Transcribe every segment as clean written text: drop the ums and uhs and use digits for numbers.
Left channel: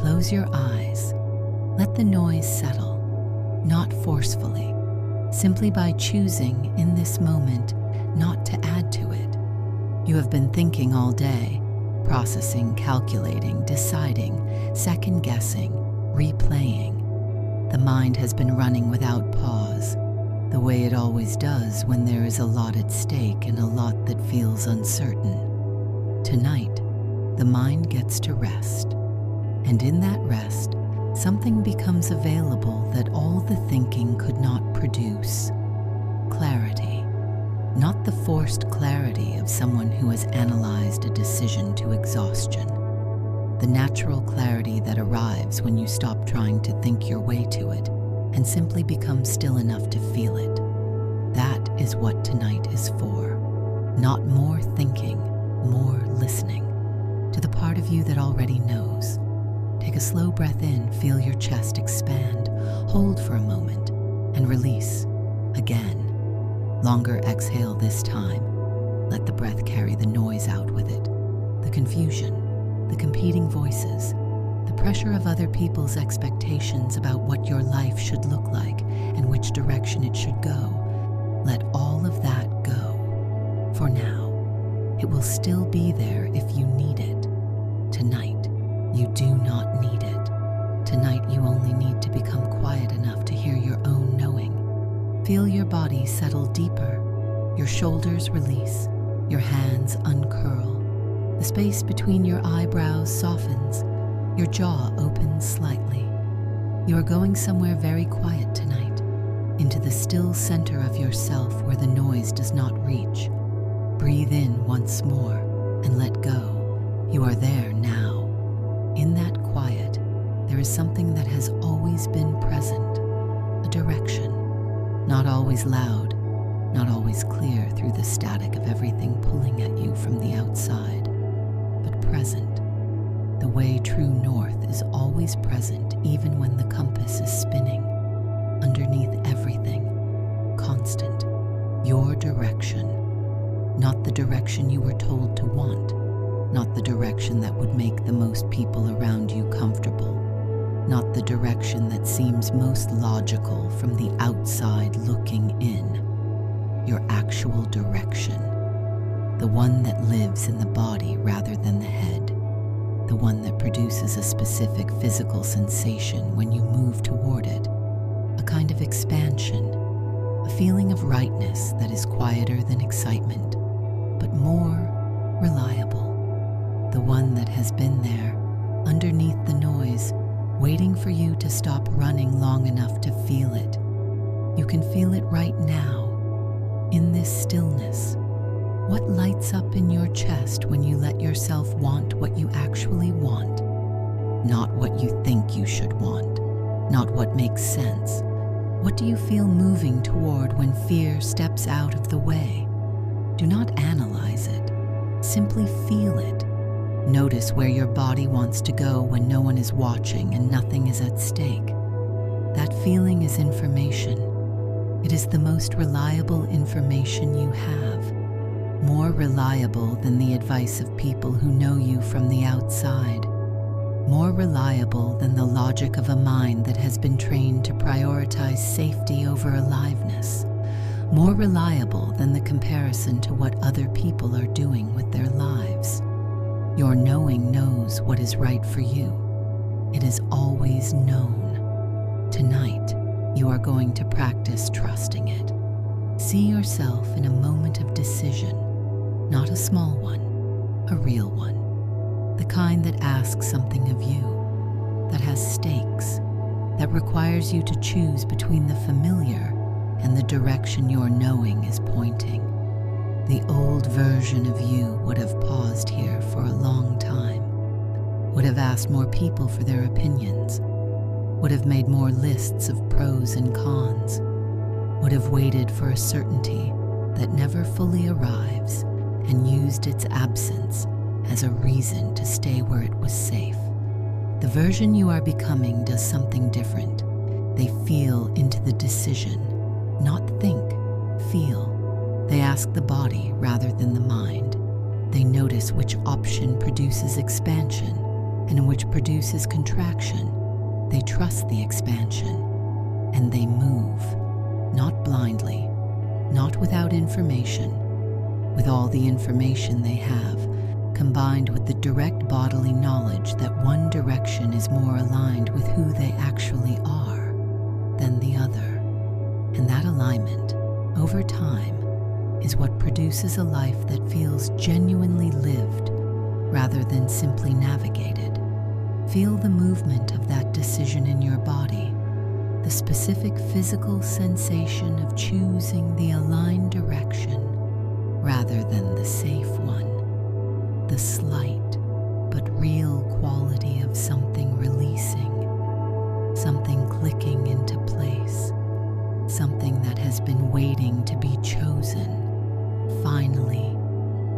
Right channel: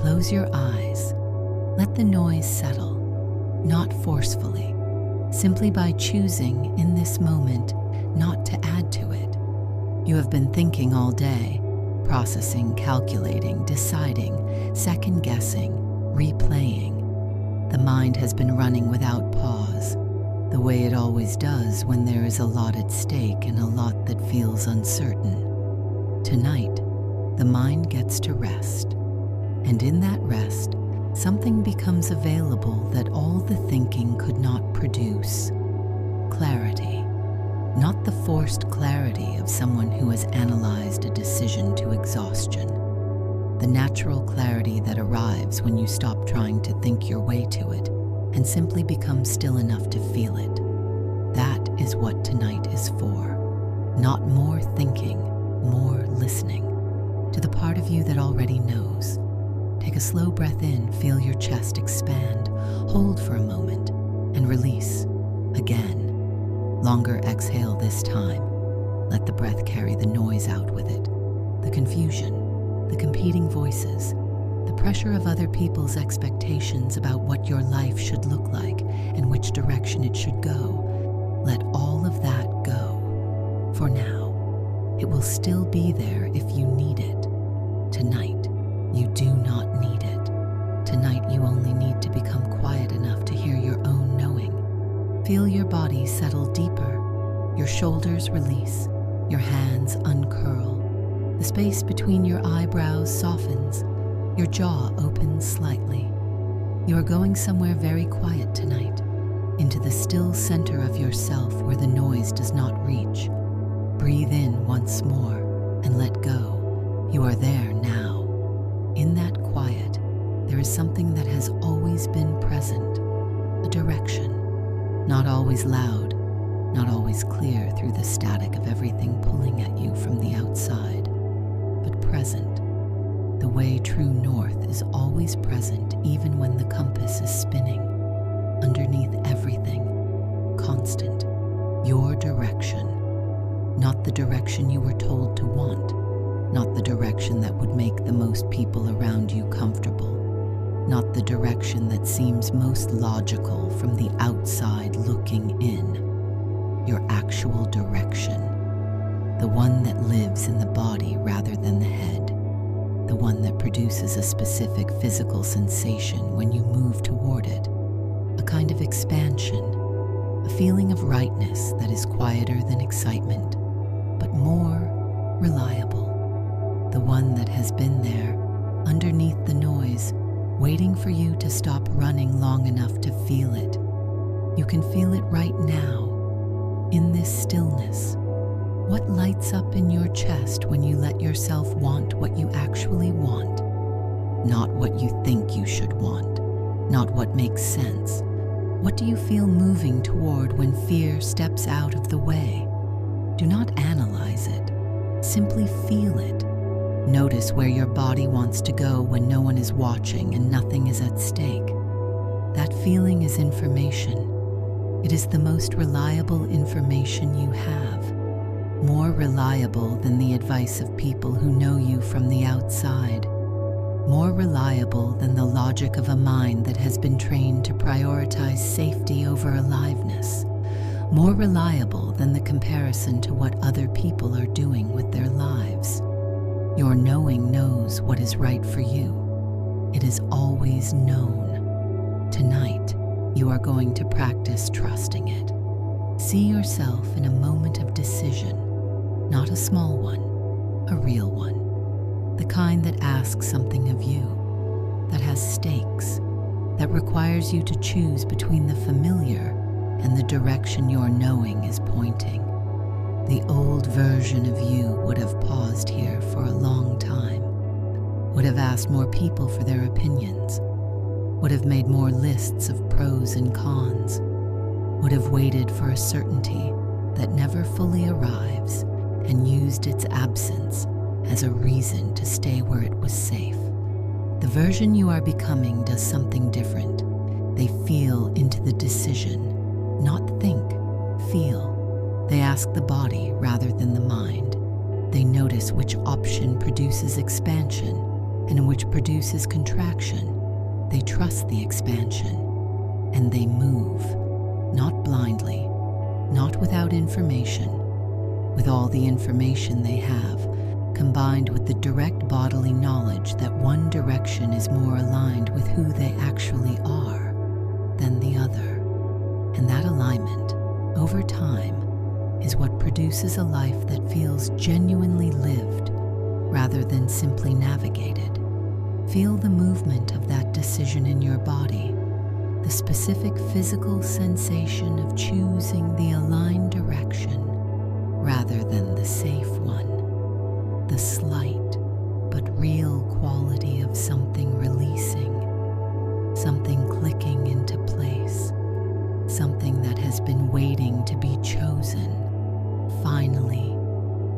Close your eyes. Let the noise settle, not forcefully, simply by choosing in this moment not to add to it. You have been thinking all day, processing, calculating, deciding, second-guessing, replaying. The mind has been running without pause, the way it always does when there is a lot at stake and a lot that feels uncertain. Tonight, the mind gets to rest, and in that rest, something becomes available that all the thinking could not produce. Clarity. Not the forced clarity of someone who has analyzed a decision to exhaustion. The natural clarity that arrives when you stop trying to think your way to it and simply become still enough to feel it. That is what tonight is for. Not more thinking, more listening to the part of you that already knows. Take a slow breath in, feel your chest expand, hold for a moment, and release again. Longer exhale this time. Let the breath carry the noise out with it. The confusion, the competing voices, the pressure of other people's expectations about what your life should look like and which direction it should go. Let all of that go. For now, it will still be there if you need it. Tonight, you do not need it. Tonight, you only need to become quiet enough to hear your own knowing. Feel your body settle deeper, your shoulders release, your hands uncurl. The space between your eyebrows softens, your jaw opens slightly. You are going somewhere very quiet tonight, into the still center of yourself where the noise does not reach. Breathe in once more and let go. You are there now. In that quiet, there is something that has always been present, a direction. Not always loud, not always clear through the static of everything pulling at you from the outside, but present. The way true north is always present even when the compass is spinning. Underneath everything, constant, your direction. Not the direction you were told to want, not the direction that would make the most people around you comfortable. Not the direction that seems most logical from the outside looking in. Your actual direction. The one that lives in the body rather than the head. The one that produces a specific physical sensation when you move toward it. A kind of expansion. A feeling of rightness that is quieter than excitement, but more reliable. The one that has been there, underneath the noise, waiting for you to stop running long enough to feel it. You can feel it right now, in this stillness. What lights up in your chest when you let yourself want what you actually want? Not what you think you should want, not what makes sense. What do you feel moving toward when fear steps out of the way? Do not analyze it, simply feel it. Notice where your body wants to go when no one is watching and nothing is at stake. That feeling is information. It is the most reliable information you have. More reliable than the advice of people who know you from the outside. More reliable than the logic of a mind that has been trained to prioritize safety over aliveness. More reliable than the comparison to what other people are doing with their lives. Your knowing knows what is right for you. It is always known. Tonight, you are going to practice trusting it. See yourself in a moment of decision, not a small one, a real one. The kind that asks something of you, that has stakes, that requires you to choose between the familiar and the direction your knowing is pointing. The old version of you would have paused here for a long time, would have asked more people for their opinions, would have made more lists of pros and cons, would have waited for a certainty that never fully arrives and used its absence as a reason to stay where it was safe. The version you are becoming does something different. They feel into the decision, not think, feel. They ask the body rather than the mind. They notice which option produces expansion and which produces contraction, they trust the expansion, and they move, not blindly, not without information, with all the information they have, combined with the direct bodily knowledge that one direction is more aligned with who they actually are than the other. And that alignment, over time, is what produces a life that feels genuinely lived rather than simply navigated. Feel the movement of that decision in your body, the specific physical sensation of choosing the aligned direction rather than the safe one, the slight but real quality of something releasing, something clicking into place, something that has been waiting to be chosen, finally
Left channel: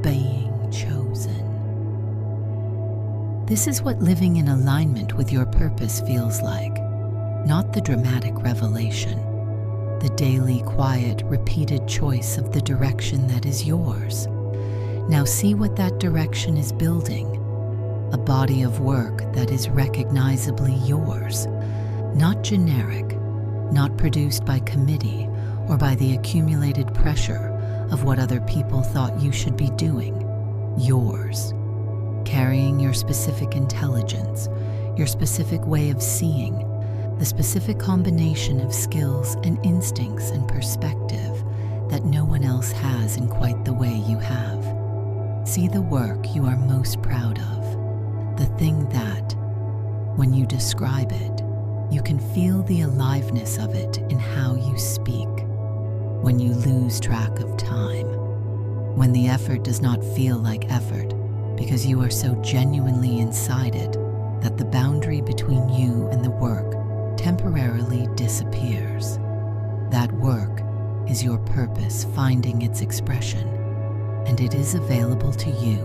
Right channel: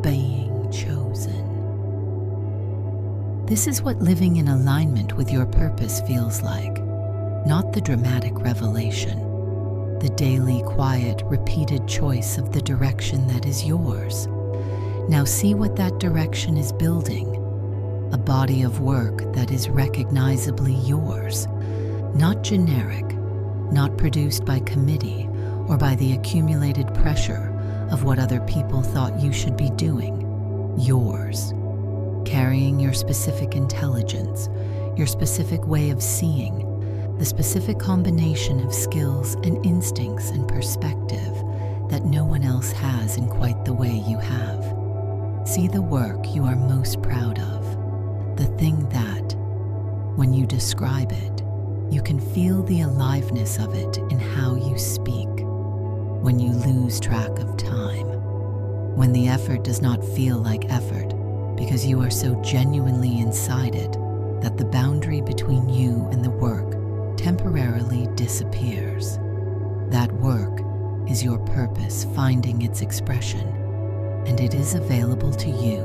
being chosen. This is what living in alignment with your purpose feels like, not the dramatic revelation, the daily, quiet, repeated choice of the direction that is yours. Now see what that direction is building, a body of work that is recognizably yours, not generic, not produced by committee or by the accumulated pressure of what other people thought you should be doing. Yours, carrying your specific intelligence, your specific way of seeing, the specific combination of skills and instincts and perspective that no one else has in quite the way you have. See the work you are most proud of, the thing that, when you describe it, you can feel the aliveness of it in how you speak, when you lose track of time, when the effort does not feel like effort because you are so genuinely inside it that the boundary between you and the work temporarily disappears. That work is your purpose finding its expression, and it is available to you,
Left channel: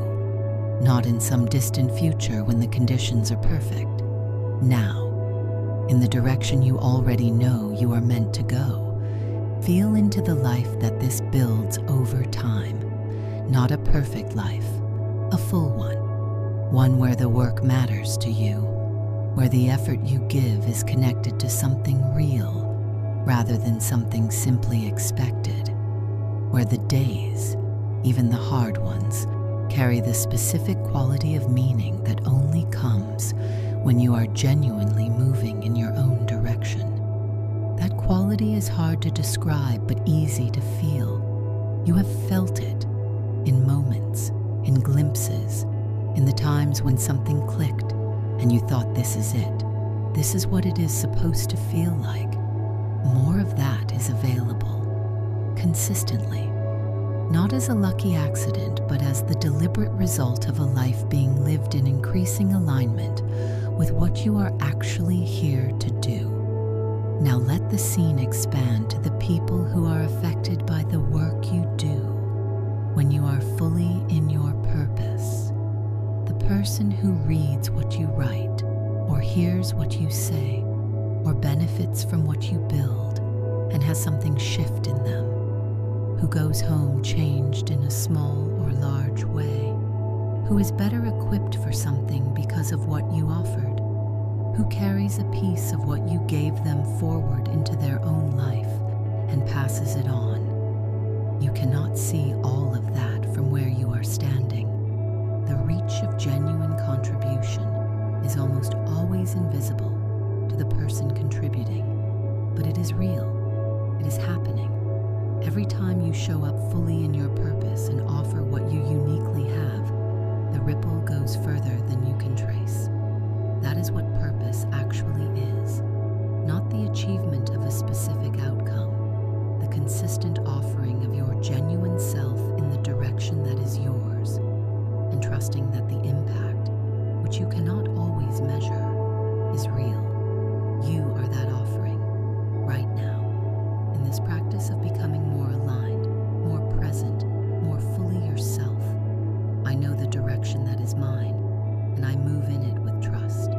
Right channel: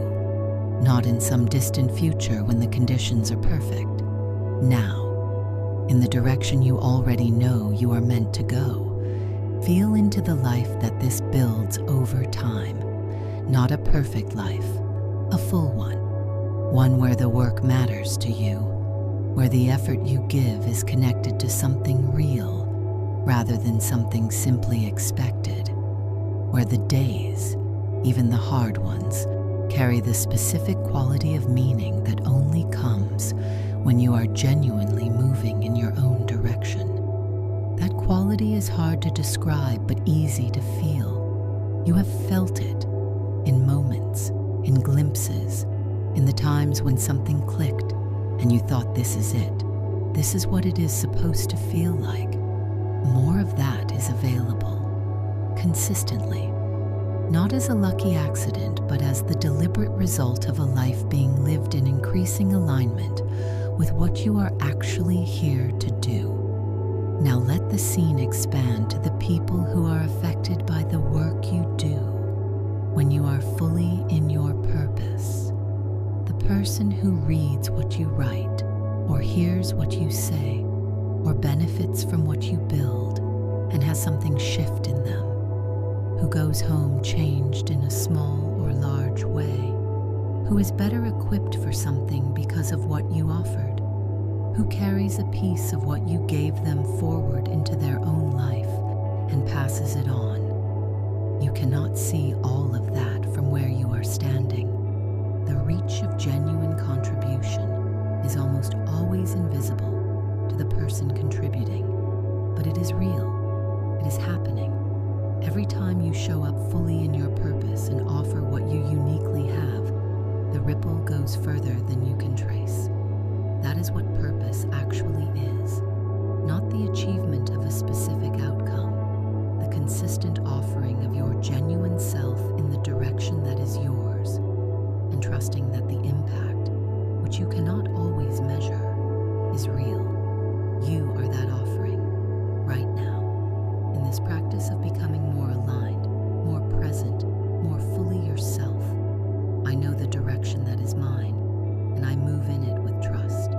not in some distant future when the conditions are perfect. Now, in the direction you already know you are meant to go, feel into the life that this builds over time, not a perfect life, a full one where the work matters to you, where the effort you give is connected to something real rather than something simply expected, where the days, even the hard ones, carry the specific quality of meaning that only comes when you are genuinely moving in your own direction. That quality is hard to describe but easy to feel. You have felt it in moments, in glimpses, in the times when something clicked and you thought, this is it. This is what it is supposed to feel like. More of that is available, consistently, not as a lucky accident, but as the deliberate result of a life being lived in increasing alignment with what you are actually here to do. Now let the scene expand to the people who are affected by the work you do when you are fully in your purpose. The person who reads what you write, or hears what you say, or benefits from what you build and has something shift in them, who goes home changed in a small or large way, who is better equipped for something because of what you offered, who carries a piece of what you gave them forward into their own life and passes it on. You cannot see all of that from where you are standing. The reach of genuine contribution is almost always invisible to the person contributing, but it is real. It is happening. Every time you show up fully in your purpose and offer what you uniquely have, the ripple goes further than you can trace. That is what purpose actually is, not the achievement of a specific outcome, the consistent offering of your genuine self in the direction that is yours, and trusting that the impact, which you cannot always measure, is real. You are that offering, right now, in this practice of becoming more aligned, more present, more fully yourself. I know the direction that is mine, and I move in it with trust.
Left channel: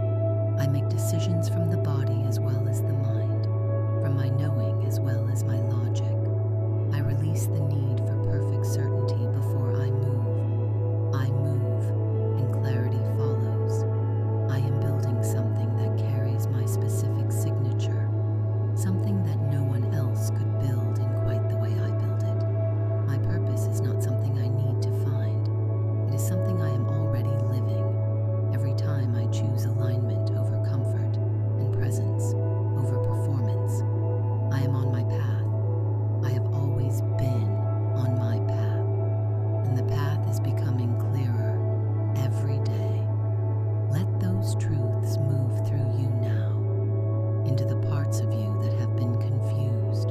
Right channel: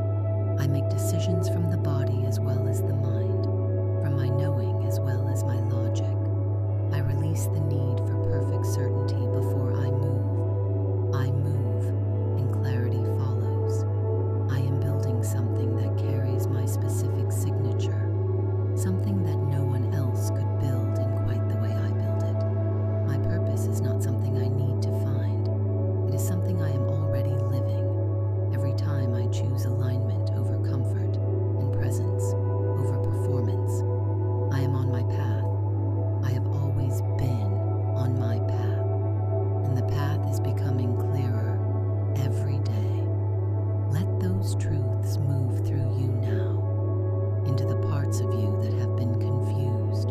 I make decisions from the body as well as the mind, from my knowing as well as my logic. I release the need for perfect certainty before I move. I move, and clarity follows. I specific signature, something that no one else could build in quite the way I build it. My purpose is not something I need to find. It is something I am already living. Every time I choose alignment over comfort and presence over performance, I am on my path. I have always been on my path, and the path is becoming clearer every day. Let those truths move through you now, into the parts of you that have been confused,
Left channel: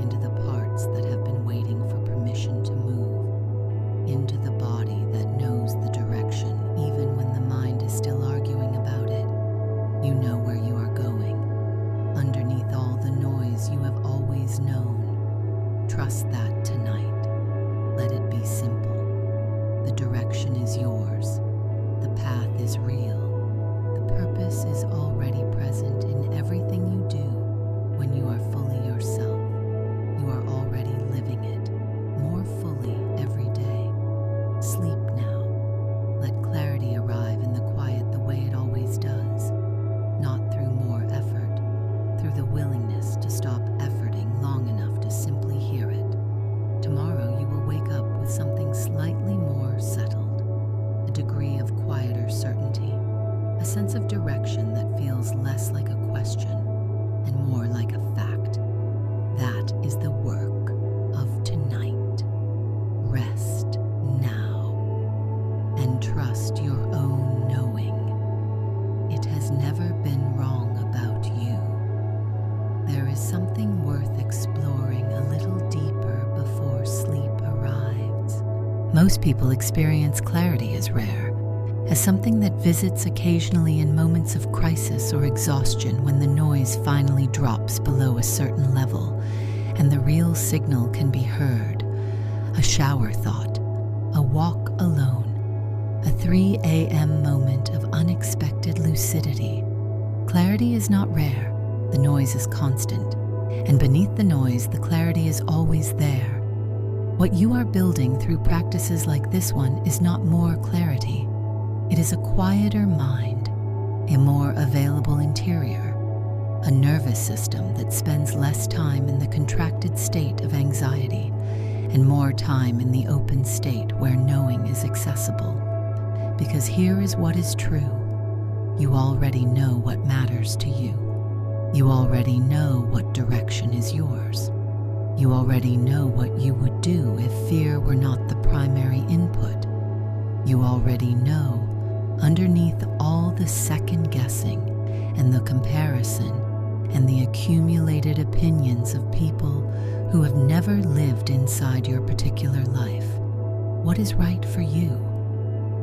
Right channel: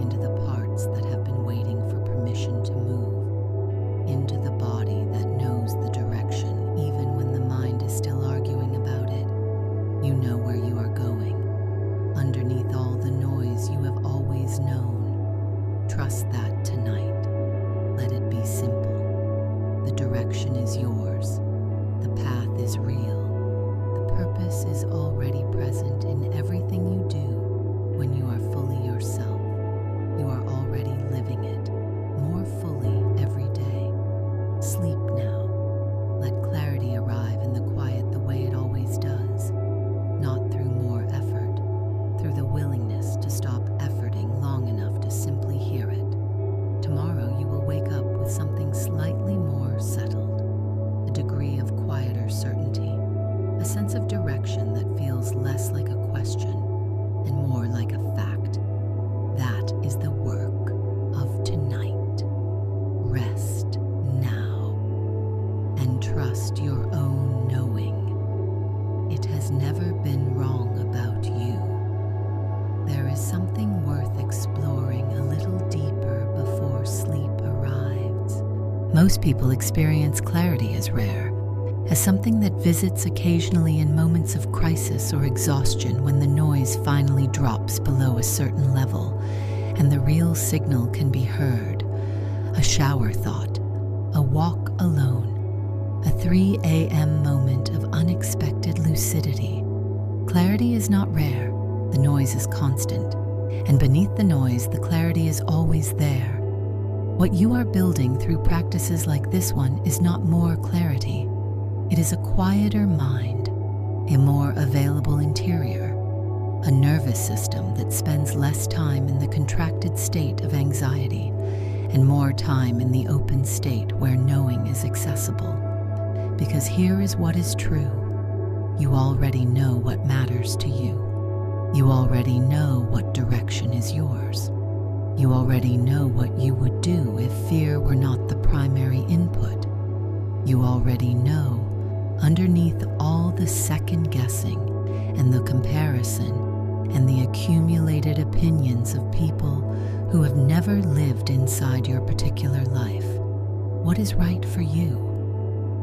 into the parts that have been waiting for permission to move, into the body that knows the direction even when the mind is still arguing about it. You know where you are going. Underneath all the noise you have always known. Trust that tonight. Let it be simple. The direction is yours. The path is real. The purpose is already present in everything you do when you are fully yourself. You are already living it more fully every day. Sleep now. Let clarity arrive in the quiet the way it always does, not through more effort, through the willingness to stop efforting long enough to simply hear it. Tomorrow you will wake up with something slightly more settled, a degree of quieter certainty, a sense of direction that feels less like a question and more like a fact. That is the work of tonight. Rest now and trust your own knowing. It has never been wrong about you. There is something worth exploring a little deeper before sleep arrives. Most people experience clarity as rare, as something that visits occasionally in moments of crisis or exhaustion when the noise finally drops below a certain level and the real signal can be heard. A shower thought, a walk alone, a 3 a.m. moment of unexpected lucidity. Clarity is not rare. The noise is constant, and beneath the noise, the clarity is always there. What you are building through practices like this one is not more clarity. It is a quieter mind, a more available interior, a nervous system that spends less time in the contracted state of anxiety and more time in the open state where knowing is accessible. Because here is what is true. You already know what matters to you. You already know what direction is yours. You already know what you would do if fear were not the primary input. You already know, underneath all the second guessing and the comparison and the accumulated opinions of people who have never lived inside your particular life, what is right for you.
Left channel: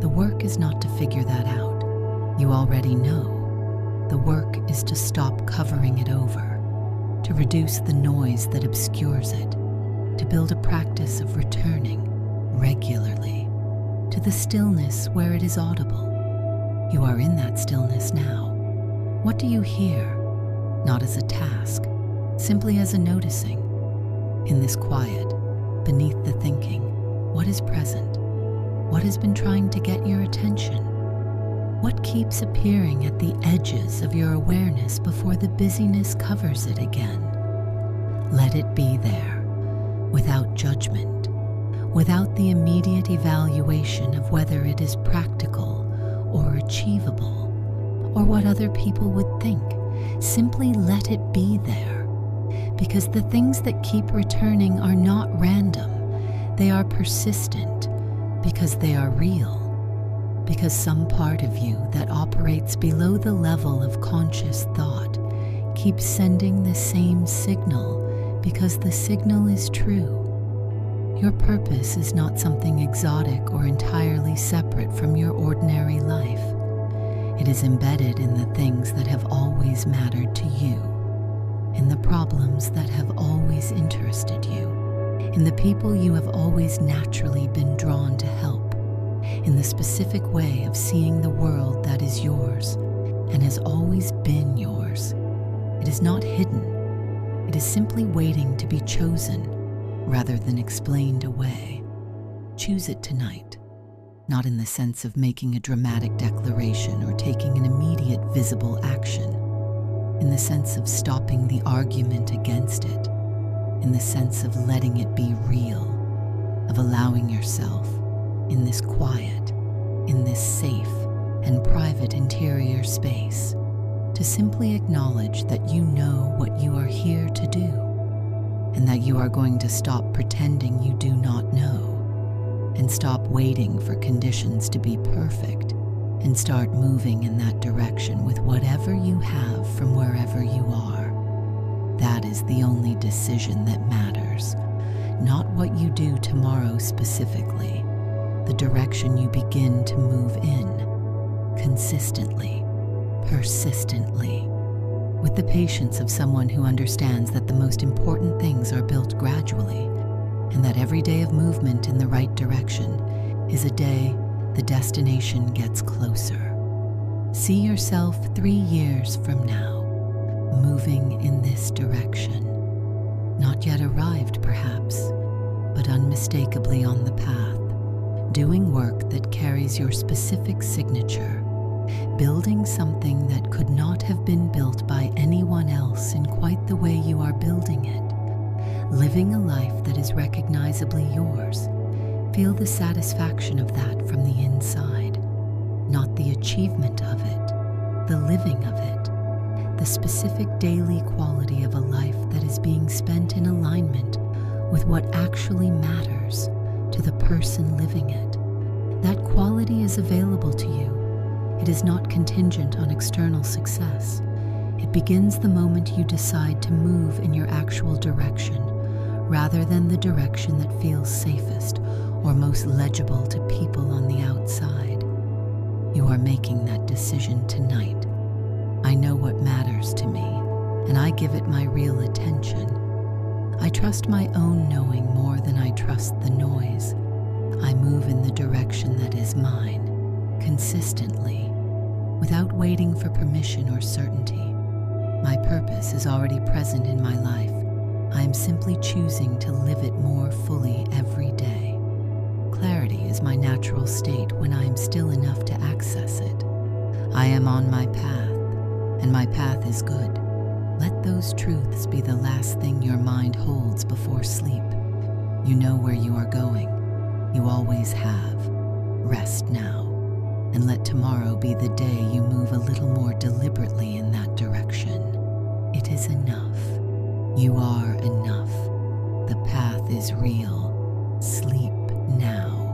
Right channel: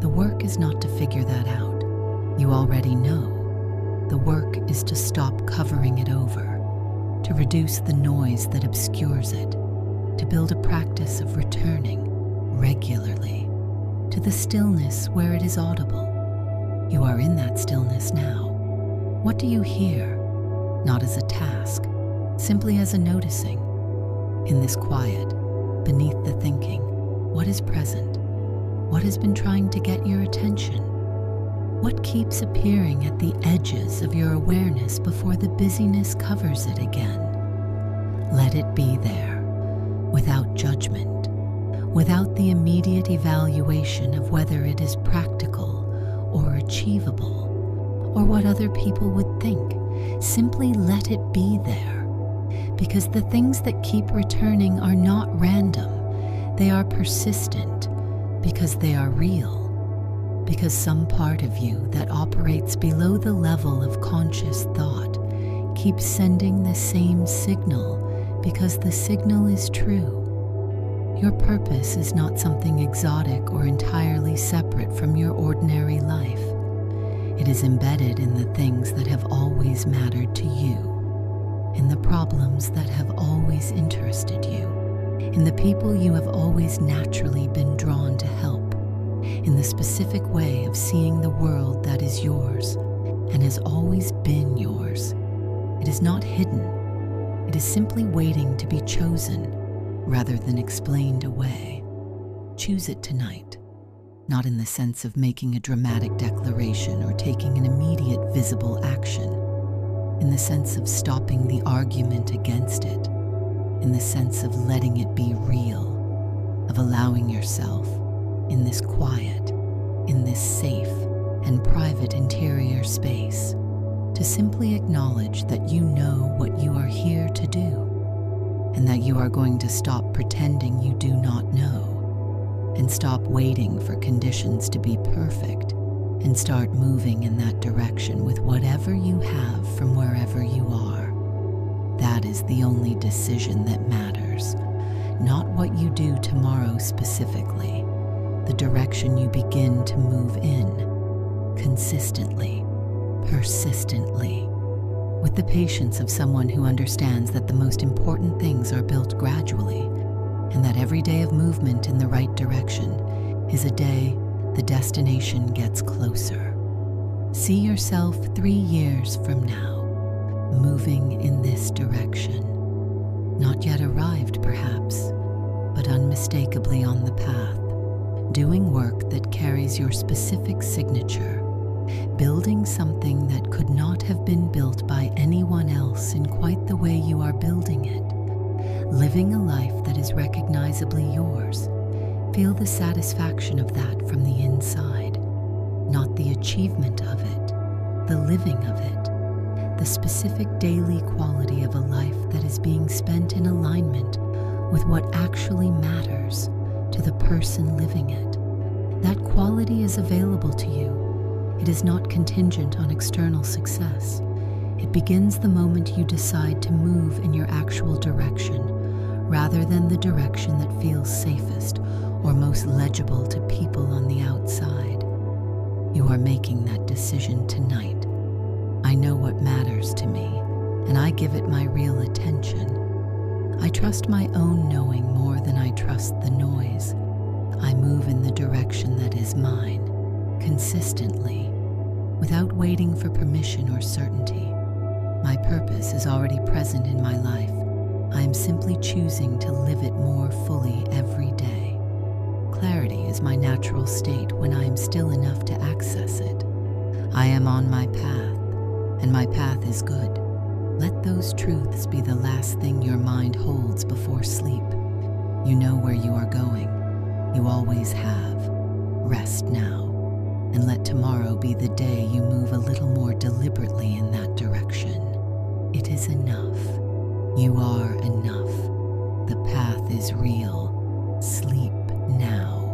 The work is not to figure that out. You already know. The work is to stop covering it over, to reduce the noise that obscures it, to build a practice of returning regularly to the stillness where it is audible. You are in that stillness now. What do you hear? Not as a task, simply as a noticing. In this quiet, beneath the thinking, what is present? What has been trying to get your attention? What keeps appearing at the edges of your awareness before the busyness covers it again? Let it be there, without judgment, without the immediate evaluation of whether it is practical or achievable, or what other people would think. Simply let it be there, because the things that keep returning are not random. They are persistent, because they are real. Because some part of you that operates below the level of conscious thought keeps sending the same signal because the signal is true. Your purpose is not something exotic or entirely separate from your ordinary life. It is embedded in the things that have always mattered to you, in the problems that have always interested you, in the people you have always naturally been drawn to help, in the specific way of seeing the world that is yours and has always been yours. It is not hidden. It is simply waiting to be chosen rather than explained away. Choose it tonight, not in the sense of making a dramatic declaration or taking an immediate visible action, in the sense of stopping the argument against it, in the sense of letting it be real, of allowing yourself in this quiet, in this safe and private interior space to simply acknowledge that you know what you are here to do, and that you are going to stop pretending you do not know, and stop waiting for conditions to be perfect, and start moving in that direction with whatever you have from wherever you are. That is the only decision that matters, not what you do tomorrow specifically, the direction you begin to move in, consistently, persistently, with the patience of someone who understands that the most important things are built gradually, and that every day of movement in the right direction is a day the destination gets closer. See yourself 3 years from now, moving in this direction. Not yet arrived, perhaps, but unmistakably on the path, doing work that carries your specific signature, building something that could not have been built by anyone else in quite the way you are building it, living a life that is recognizably yours. Feel the satisfaction of that from the inside, not the achievement of it, the living of it, the specific daily quality of a life that is being spent in alignment with what actually matters to the person living it. That quality is available to you. It is not contingent on external success. It begins the moment you decide to move in your actual direction, rather than the direction that feels safest or most legible to people on the outside. You are making that decision tonight. I know what matters to me, and I give it my real attention. I trust my own knowing more than I trust the noise. I move in the direction that is mine, consistently, without waiting for permission or certainty. My purpose is already present in my life. I am simply choosing to live it more fully every day. Clarity is my natural state when I am still enough to access it. I am on my path, and my path is good. Let those truths be the last thing your mind holds before sleep. You know where you are going. You always have. Rest now, and let tomorrow be the day you move a little more deliberately in that direction. It is enough. You are enough. The path is real. Sleep now.